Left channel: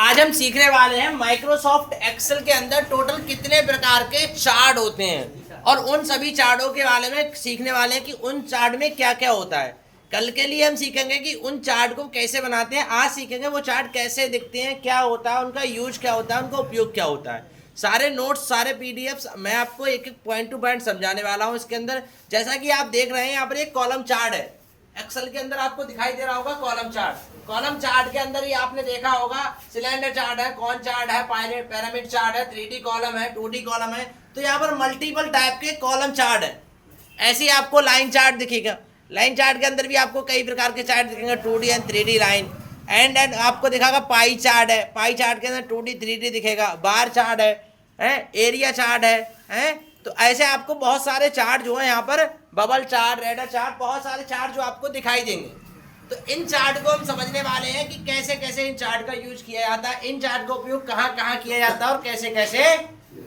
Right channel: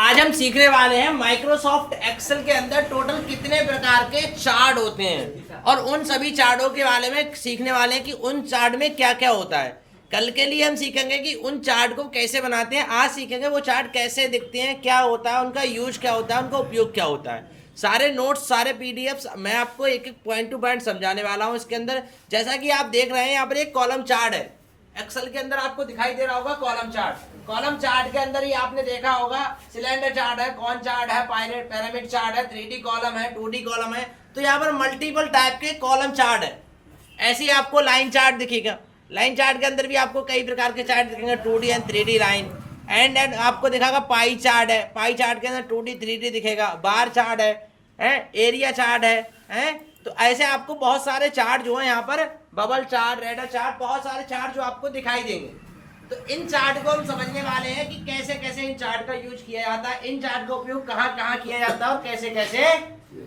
आज हम सीखने वाले हैं माइक्रोसॉफ्ट एक्सेल के अंदर टोटल कितने प्रकार के चार्ट होते हैं और उन सभी चार्टों के बारे में सीखने वाले हैं कि उन चार्ट में क्या क्या होता है। कल के लिए हम सीखेंगे कि उन चार्ट को कैसे बनाते हैं, आज सीखेंगे वो चार्ट कैसे दिखते हैं, क्या होता है, उनका यूज क्या होता है, उनका उपयोग क्या होता है। सारे नोट्स, सारे पीडीएफ्स मैं आपको एक एक पॉइंट टू पॉइंट समझाने वाला हूँ इसके अंदर। जैसा कि आप देख रहे हैं यहाँ पर एक कॉलम चार्ट है, एक्सेल के अंदर आपको दिखाई दे रहा होगा कॉलम चार्ट। कॉलम चार्ट के अंदर ही आपने देखा होगा सिलेंडर चार्ट है, कॉन चार्ट है, पिरामिड चार्ट है, 3D कॉलम है, 2D कॉलम है। तो यहाँ पर मल्टीपल टाइप के कॉलम चार्ट है। ऐसे ही आपको लाइन चार्ट दिखेगा। लाइन चार्ट के अंदर भी आपको कई प्रकार के चार्ट दिखेंगे, 2D and 3D line. And आपको दिखागा पाई चार्ट है, पाई चार्ट के अंदर 2D 3D दिखेगा। बार चार्ट है, एरिया चार्ट है। तो ऐसे आपको बहुत सारे चार्ट जो है यहाँ पर, बबल चार्ट, रेडर चार्ट, बहुत सारे चार्ट जो आपको दिखाई देंगे। तो इन चार्ट को हम समझने वाले हैं कि कैसे कैसे इन चार्ट का यूज किया जाता है, इन चार्ट का उपयोग कहाँ कहाँ किया जाता है और कैसे कैसे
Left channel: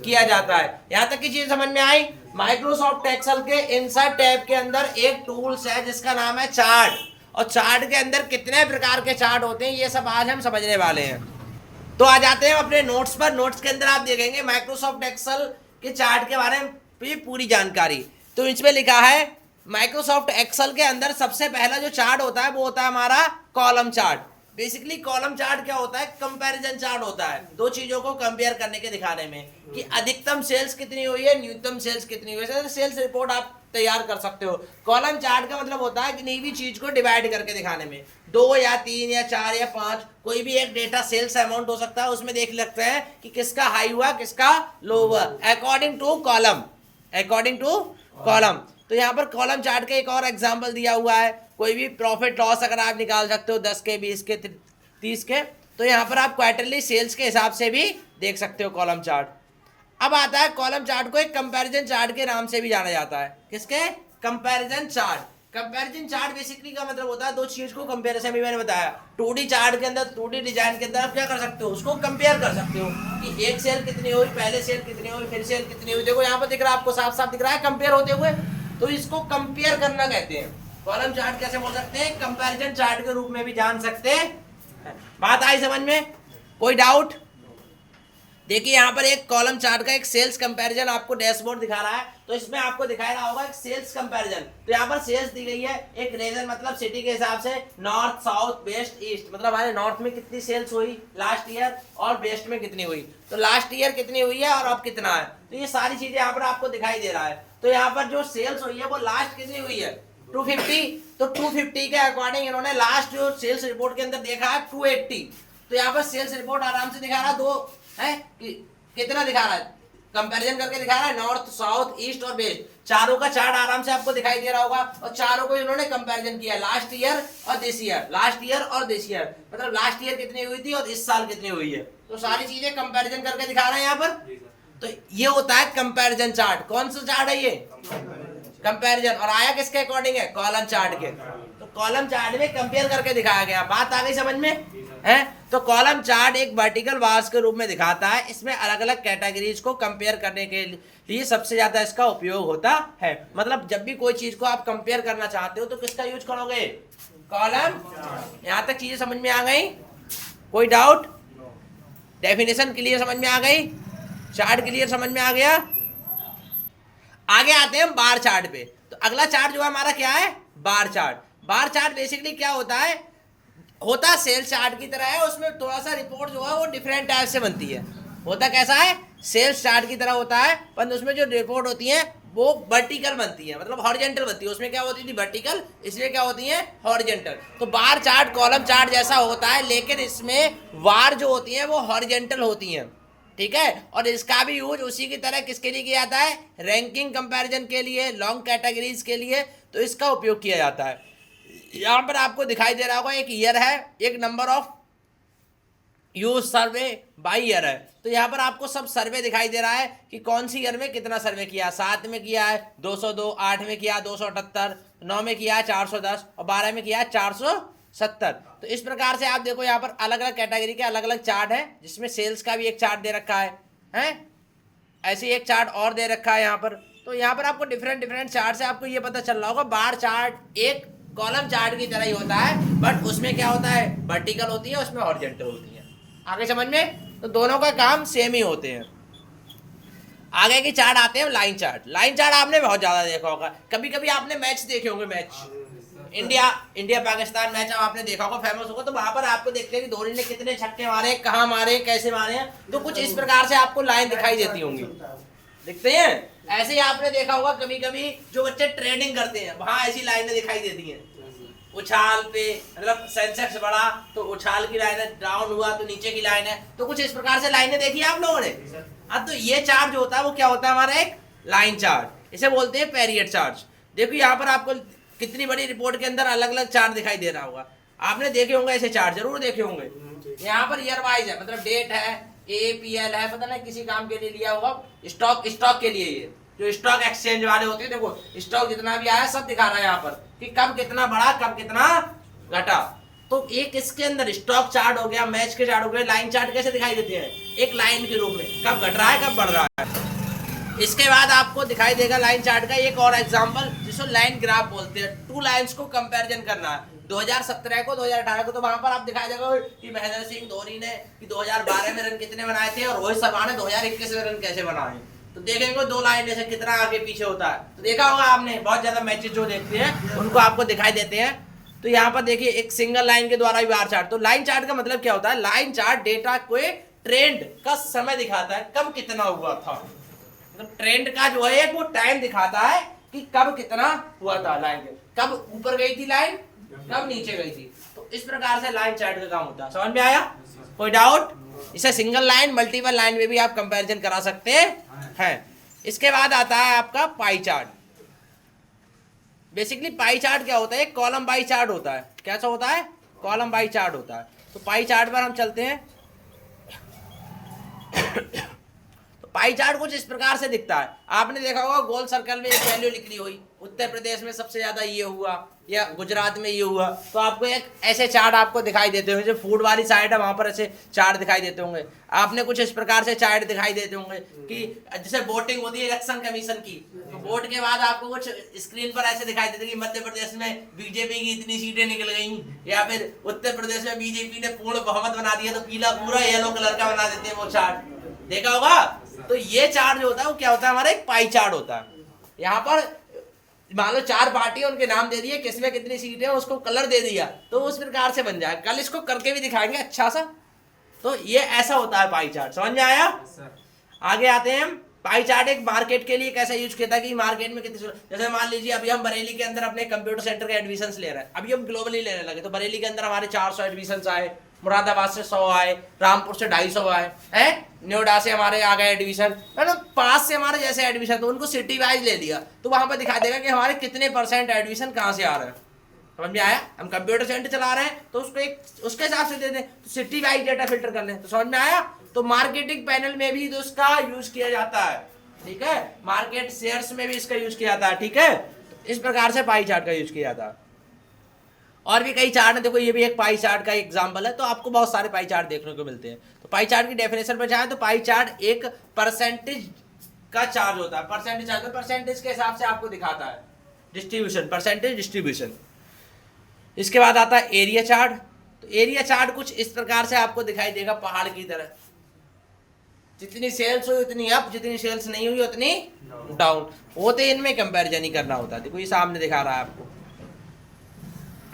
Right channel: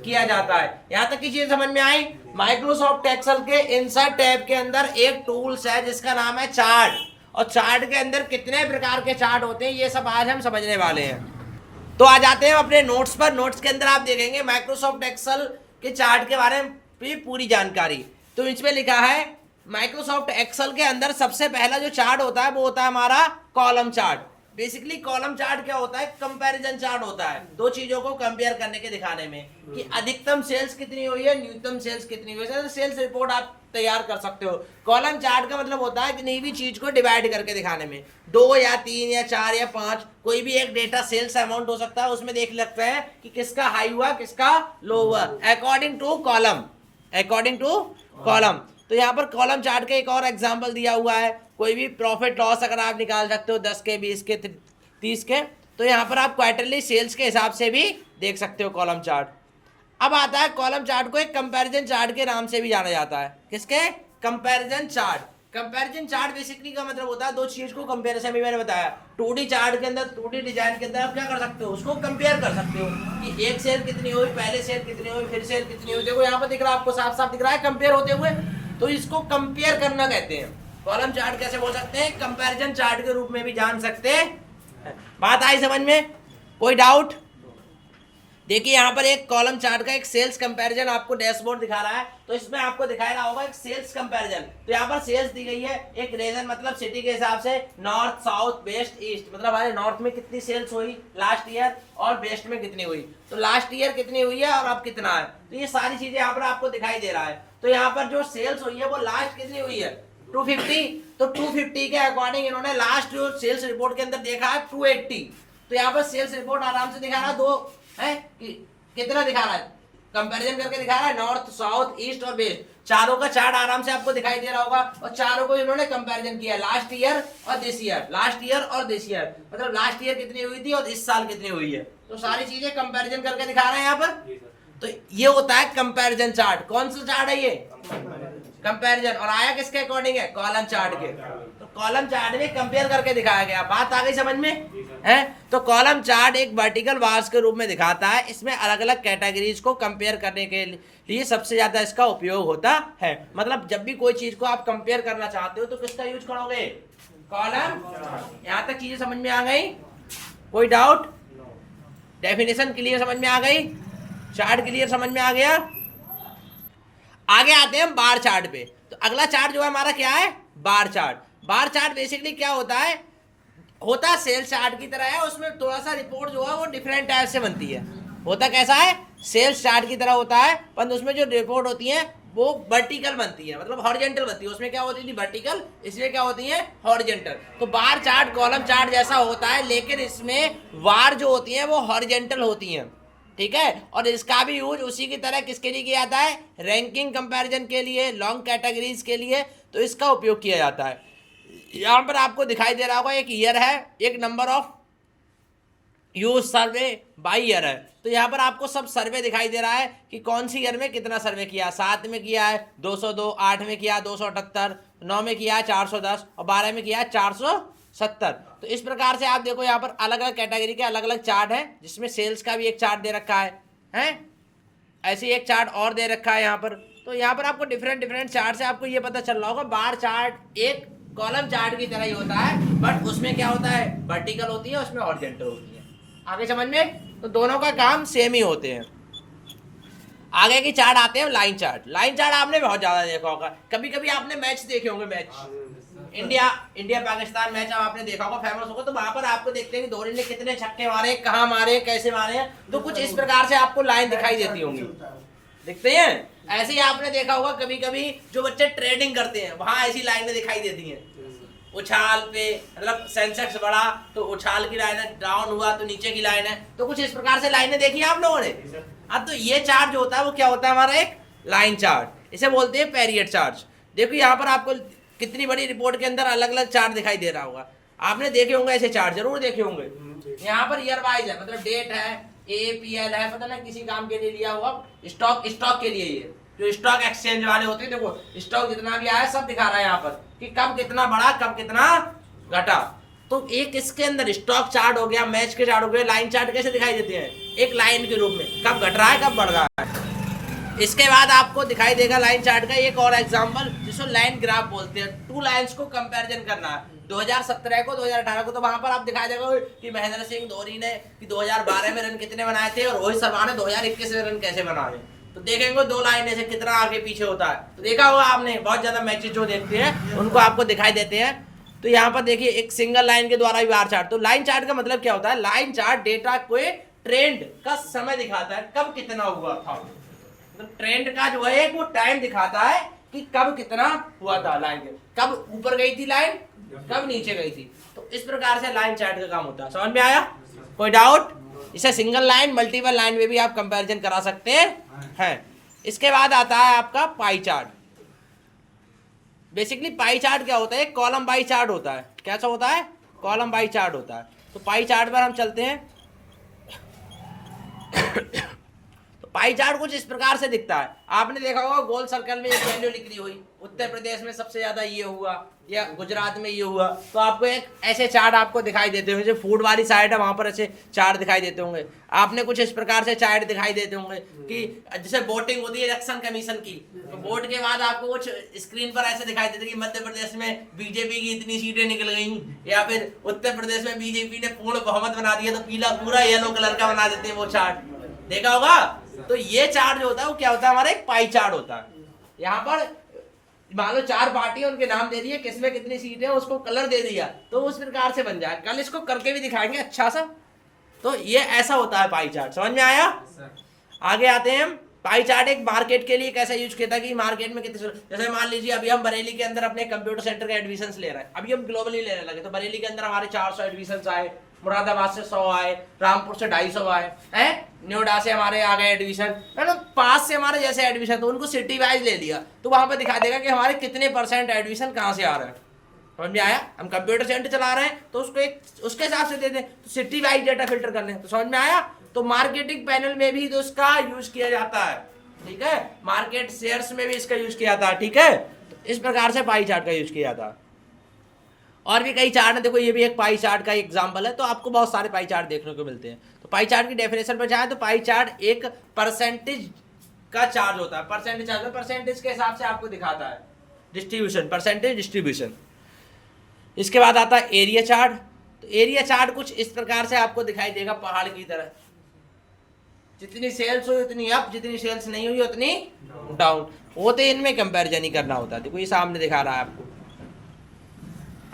किया जाता है। यहाँ तक की चीज समझ में आई। माइक्रोसॉफ्ट एक्सेल के इंसर्ट टैब के अंदर एक टूल्स है जिसका नाम है चार्ट, और चार्ट के अंदर कितने प्रकार के चार्ट होते हैं ये सब आज हम समझने वाले हैं। तो आ जाते हैं अपने नोट्स पर। नोट्स के अंदर आप देखेंगे माइक्रोसॉफ्ट एक्सेल के चार्ट के बारे में पूरी जानकारी। तो इसमें लिखा है माइक्रोसॉफ्ट एक्सेल के अंदर सबसे पहला जो चार्ट होता है वो होता है हमारा column chart. Basically column chart क्या होता है, कंपैरिजन चार्ट होता है, दो चीजों को कंपेयर करने के दिखाने में कि अधिकतम सेल्स कितनी हुई है, न्यूनतम सेल्स कितनी हुई है। सेल्स रिपोर्ट आप तैयार कर सकते हो। कॉलम चार्ट का मतलब होता है किसी भी चीज को डिवाइड करके दिखाने में, 2 या 3 या 4 या 5 कोई भी एक डेटा सेल्स अमाउंट हो सकता है, उसमें देख लगता है कि किसका हाई हुआ किसका लो हुआ according to column, according to column. तो यहाँ पर कॉलम चार्ट का एक और एग्जांपल दिया हुआ है। कोई भी प्रॉफिट लॉस अगर आप निकाल सकते हो 10 के, 20 के, 30 के, तो यहाँ पर आप क्वार्टरली सेल्स के हिसाब से भी देख सकते हो कॉलम चार्ट। अब आता है कॉलम चार्ट को एक कंपैरिजन चार्ट के नाम से भी जाना जाता है। किसके? Comparison chart. Comparison chart basically का मतलब होता है दो चीज को कंपेयर। जैसे मैंने बताया 2D चार्ट के अंदर, 2D डिजाइन के अंदर आप क्या कर सकते हो, उसको कंपेयर कर सकते हो कि एक सेल कितनी हुई, पहले सेल कितनी हुई, फिर सेल कितनी हुई। देखो यहाँ पर दिख रहा है आपको, साफ साफ दिख रहा है कंपेयर होते हुए। तो इसको कंपेयर करना कहते हैं। कॉलम चार्ट कैसे बोल सकते हैं, कंपैरिजन चार्ट के रूप में भी जान सकते हैं। बात आई समझ में? कोई डाउट? देखिए यहाँ पर एक कॉलम चार्ट का एक सेल्स कंपैरिजन आपको डैशबोर्ड दिखा रहा है। तो इसमें आपको दिखाया रहा होगा एक सेल्स कंपैरिजन। तो यहाँ पर सेल्स दी गई है एक रीजन मतलब सिटी के हिसाब से, नॉर्थ, साउथ, वेस्ट, ईस्ट। मतलब हमारे नॉर्थ में कितनी सेल्स हुई लास्ट ईयर और वेस्ट में कितनी हुई। तो लास्ट ईयर कितनी हुई है और अब कितना है। तो ये सारी चीजें यहाँ पर आपको दिखाई दे रहा है। तो यहाँ पर जो सेल्स हुई है वो लास्ट कितनी हुई है, 250। तो 250 के अकॉर्डिंग इन्होंने लास्ट जो सेल्स रिपोर्ट के अंदर देखा है 280। तो यहाँ पर सेल्स रिपोर्ट आराम से दिखा रहा है, दो है कि कितना दिखा रहा है, कंपैरिजन करके दिखा रहा है, नॉर्थ, साउथ, ईस्ट और वेस्ट। चारों का चार्ट आराम से आपको दिखाई दे रहा होगा। और चारों को इन्होंने कंपैरिजन किया लास्ट ईयर और दिस ईयर, लास्ट ईयर और दिस ईयर। मतलब लास्ट ईयर कितनी हुई थी और इस साल कितनी हुई है। तो सारी चीजें कंपैरिजन करके दिखा रहे हैं यहाँ पर। तो ये होता है कंपैरिजन चार्ट। कौन सा चार्ट है ये? कंपैरिजन। और आया किसके अकॉर्डिंग है? कॉलम चार्ट के। तो कॉलम चार्ट में कंपेयर करके दिखाया गया। बात आ गई समझ में? है तो कॉलम चार्ट एक वर्टिकल बार्स के रूप में दिखाता है। इसमें अलग अलग कैटेगरीज को कंपेयर करने के लिए सबसे ज्यादा इसका उपयोग होता है। मतलब जब भी कोई चीज को आप कंपेयर करना चाहते हो तो किसका यूज करोगे? कॉलम। यहाँ तक चीजें समझ में आ गई? कोई डाउट? डेफिनेशन क्लियर समझ में आ गई? चार्ट क्लियर समझ में आ गया? आगे आते हैं हम बार चार्ट पे। तो अगला चार्ट जो है हमारा क्या है? Bar chart. Bar chart basically क्या होता है, होता सेल्स चार्ट की तरह है। उसमें थोड़ा सा रिपोर्ट जो है वो डिफरेंट टाइप से बनती है। होता कैसा है? सेल्स चार्ट की तरह होता है, पर उसमें जो रिपोर्ट होती है वो वर्टिकल बनती है, मतलब हॉरिजॉन्टल बनती है। उसमें क्या होती थी? वर्टिकल, इसलिए क्या होती है? हॉरिजॉन्टल। तो बार चार्ट कॉलम चार्ट जैसा होता है, लेकिन इसमें वार जो होती है वो हॉरिजॉन्टल होती हैं। ठीक है। और इसका भी यूज उसी की तरह किसके लिए किया जाता है? रैंकिंग कंपैरिजन के लिए, लॉन्ग कैटेगरीज के लिए। तो इसका उपयोग किया जाता है। यहाँ पर आपको दिखाई दे रहा होगा एक ईयर है, एक number of use survey by year है। तो यहाँ पर आपको सब सर्वे दिखाई दे रहा है कि कौन सी ईयर में कितना सर्वे किया। 7 में किया है 202, 8 में किया 278, 9 में किया है 410 और 12 में किया है 470। तो इस प्रकार से आप देखो यहाँ पर अलग अलग कैटेगरी के अलग अलग चार्ट है, जिसमें सेल्स का भी एक चार्ट दे रखा है? ऐसे एक चार्ट और दे रखा है यहाँ पर। तो यहाँ पर आपको डिफरेंट चार्ट से आपको ये पता चल रहा होगा बार चार्ट एक कॉलम चार्ट की तरह ही होता है, बट उसमें क्या होता है? वर्टिकल होती है, उसमें हॉरिजॉन्टल होती है। आगे समझ में? तो दोनों का काम सेम ही होते हैं। आगे की चार्ट आते हैं लाइन चार्ट। लाइन चार्ट आपने बहुत ज्यादा देखा होगा, कभी कभी आपने मैच देखे होंगे, मैच इंडिया पाकिस्तान मैच अब आपने देखा होगा, फेमस होगा, तो वहां पर आपको देखते हैं कि धोनी ने कितने छक्के मारे, कहाँ मारे, कैसे मारे हैं, तो कुछ इस प्रकार से आपको लाइन दिखाई देती होंगी, दिखते हैं। ऐसे ही आपने देखा होगा कभी कभी जो बच्चे ट्रेडिंग करते हैं वहां ऐसी लाइनें दिखाई देती हैं, उछाल पे मतलब सेंसेक्स बढ़ा तो उछाल की लाइन है, डाउन हुआ तो नीचे की लाइन है, तो कुछ इस प्रकार से लाइनें देखी आप लोगों ने। अब तो ये चार्ट जो होता है वो क्या होता है हमारा एक लाइन चार्ट, इसे बोलते हैं पीरियड चार्ट। देखो यहाँ पर आपको कितनी बड़ी रिपोर्ट के अंदर अलग अलग चार्ट दिखाई दे रहा होगा, आपने देखे होंगे ऐसे चार्ट, जरूर देखे होंगे। यहाँ पर ईयर वाइज है, मतलब डेट है, APL है, पता नहीं किसी काम के लिए लिया होगा, स्टॉक के लिए, ये जो स्टॉक एक्सचेंज वाले होते हैं, देखो स्टॉक जितना भी आया सब दिखा रहा है यहाँ पर कि कब कितना बढ़ा कब कितना घटा। तो एक इसके अंदर स्टॉक चार्ट हो गया, मैच के चार्ट हो गए, लाइन चार्ट कैसे दिखाई देते हैं, एक लाइन के रूप में, कब घट रहा है कब बढ़ रहा है। इसके बाद आपको दिखाई देगा लाइन चार्ट का एक और एग्जांपल जिसको लाइन ग्राफ बोलते हैं। टू लाइंस को कंपैरिजन करना है, 2017 को 2018 को, तो वहां पर आप दिखाई देगा कि महेंद्र सिंह धोनी ने कि 2012 में रन कितने बनाए थे और रोहित शर्मा ने 2021 में रन कैसे बनाए, तो देखेंगे दो लाइन से कितना आगे पीछे होता है। तो देखा होगा आपने, बहुत ज्यादा मैचेस जो देखते हैं उनको आपको दिखाई देते हैं। तो यहाँ पर देखिए एक सिंगल लाइन के द्वारा भी बार चार्ट। तो लाइन चार्ट का मतलब क्या होता है, लाइन चार्ट डेटा को ट्रेंड का समय दिखाता है, कब कितना हुआ था, मतलब ट्रेंड का जो है वो टाइम दिखाता है कि कब कितना हुआ था, लाइन कब ऊपर गई थी लाइन, कब नीचे गई थी। तो इस प्रकार से लाइन चार्ट का काम होता है। समझ में आया? कोई डाउट? इसे सिंगल लाइन मल्टीपल लाइन में भी आप कंपैरिजन करा सकते हैं। इसके बाद आता है आपका pie chart. Basically pie chart क्या होता है, एक कॉलम बाई चार्ट होता है। कैसा होता है? कॉलम बाई चार्ट होता है। तो पाई चार्ट पर हम चलते हैं। तो पाई चार्ट कुछ इस प्रकार से दिखता है, आपने देखा होगा गोल सर्कल में एक वैल्यू लिखी हुई, उत्तर प्रदेश में सबसे ज्यादा ये हुआ या गुजरात में ये हुआ, तो आपको एक ऐसे चार्ट आपको दिखाई देते होंगे। जो फूड वाली साइड है वहां पर ऐसे चार्ट दिखाई देते होंगे। आपने कुछ इस प्रकार से चार्ट दिखाई देते होंगे कि जैसे वोटिंग होती है इलेक्शन कमीशन की, तो वोट के बाद आपको कुछ स्क्रीन पर ऐसे दिखाई देते कि मध्य प्रदेश में बीजेपी की इतनी सीटें निकल गई, या फिर उत्तर प्रदेश में बीजेपी ने पूर्ण बहुमत बना दिया, तो पीला पूरा येलो कलर का बना देते हैं वो चार्ट, देखा होगा। तो ये चार्ट जो होता है वो क्या होता है, हमारा एक पाई चार्ट होता है। यहाँ पर मान लो 4 पार्टी उनके नाम दे दिए, किसमें कितनी सीट है उसको कलर दे दिया, तो उस प्रकार से बन जाए। कल इसको करके भी दिखाएंगे अच्छा सा। तो ये ऐसा होता है पाई चार्ट। समझ में आया? आगे आते हैं हम। पाई चार्ट एक मार्केट के लिए कैसा यूज किया था कि मार्केट में कितने, जैसे मान लीजिए अभी हम बरेली के अंदर अपने कंप्यूटर सेंटर के एडमिशन ले रहे हैं, अभी हम ग्लोबली लेने लगे, तो बरेली के अंदर हमारे 400 एडमिशन आए, मुरादाबाद से 100 आए, रामपुर से 250 आए हैं, नोएडा से हमारे आ गए एडमिशन, मतलब पास से हमारे जैसे एडमिशन, तो उनको सिटी वाइज ले लिया, तो वहां पर दिखा देगा कि हमारे कितने % एडमिशन कहाँ से आ रहे हैं। समझ में आया? हम कंप्यूटर सेंटर चला रहे हैं तो उसको एक उसके हिसाब से दे दें, तो सिटी वाइज डेटा फिल्टर कर लें। तो समझ में आया? तो मार्केटिंग पैनल में भी तो उसका यूज किया जाता है, ठीक है, मार्केट शेयर्स में भी इसका यूज किया जाता है, ठीक है। तो इस प्रकार से पाई चार्ट का यूज किया जाता है। और भी कई चार्ट है, देखो ये भी एक पाई चार्ट का एग्जांपल है। तो आपको बहुत सारे पाई चार्ट देखने को मिलते हैं। तो पाई चार्ट की डेफिनेशन पर जाए तो पाई चार्ट एक परसेंटेज का चार्ज होता है, परसेंटेज चार्ज, परसेंटेज के हिसाब से आपको दिखाता है डिस्ट्रीब्यूशन, परसेंटेज डिस्ट्रीब्यूशन। इसके बाद आता है एरिया चार्ट। तो एरिया चार्ट कुछ इस प्रकार से आपको दिखाई देगा पहाड़ की तरह, जितनी सेल्स हुई उतनी अप, जितनी सेल्स नहीं हुई उतनी डाउन होते, इनमें कंपैरिजन ही करना होता है। देखो ये सामने दिखा रहा है आपको,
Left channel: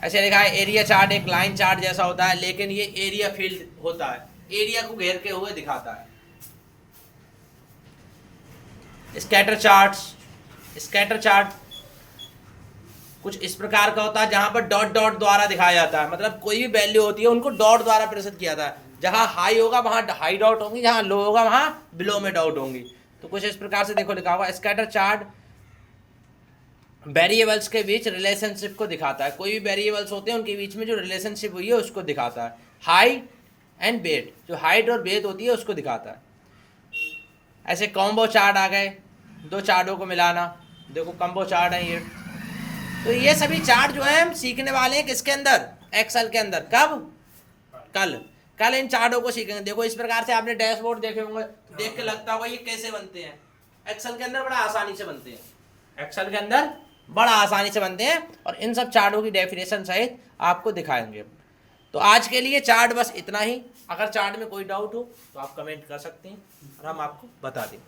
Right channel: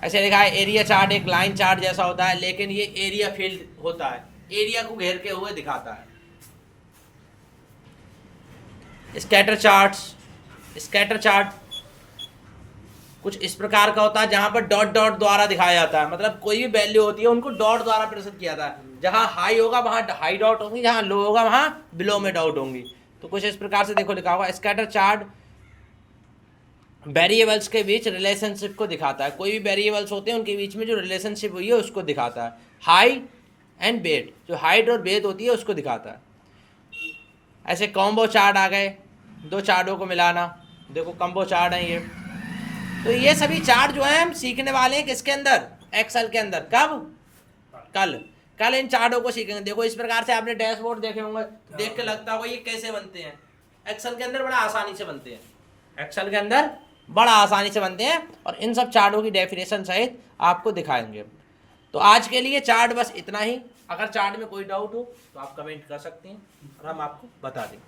ऐसे लिखा है एरिया चार्ट एक लाइन चार्ट जैसा होता है, लेकिन ये एरिया फील्ड होता है, एरिया को घेर के हुए दिखाता है। स्कैटर चार्ट्स, स्कैटर चार्ट कुछ इस प्रकार का होता है जहां पर डॉट डॉट द्वारा दिखाया जाता है, मतलब कोई भी वैल्यू होती है उनको डॉट द्वारा प्रदर्शित किया जाता है। जहां हाई होगा वहां हाई डॉट होंगी, जहां लो होगा वहां बिलो में डॉट होंगी। तो कुछ इस प्रकार से देखो लिखा होगा स्कैटर चार्ट वेरिएबल्स के बीच रिलेशनशिप को दिखाता है। कोई भी वेरिएबल्स होते हैं उनके बीच में जो रिलेशनशिप हुई है उसको दिखाता है। हाई एंड वेट, जो हाइट और वेट होती है उसको दिखाता है। ऐसे कॉम्बो चार्ट आ गए, दो चार्टों को मिलाना, देखो कॉम्बो चार्ट है ये। तो ये सभी चार्ट जो है हम सीखने वाले हैं किसके अंदर, एक्सेल के अंदर। कब? कल इन चार्टों को सीखेंगे। देखो इस प्रकार से आपने डैशबोर्ड देखे होंगे, देख के लगता होगा ये कैसे बनते हैं। एक्सेल के अंदर बड़ा आसानी से बनते हैं, एक्सेल के अंदर बड़ा आसानी से बनते हैं, और इन सब चार्टों की डेफिनेशन सहित आपको दिखाएंगे। तो आज के लिए चार्ट बस इतना ही। अगर चार्ट में कोई डाउट हो तो आप कमेंट कर सकते हैं और हम आपको बता दें।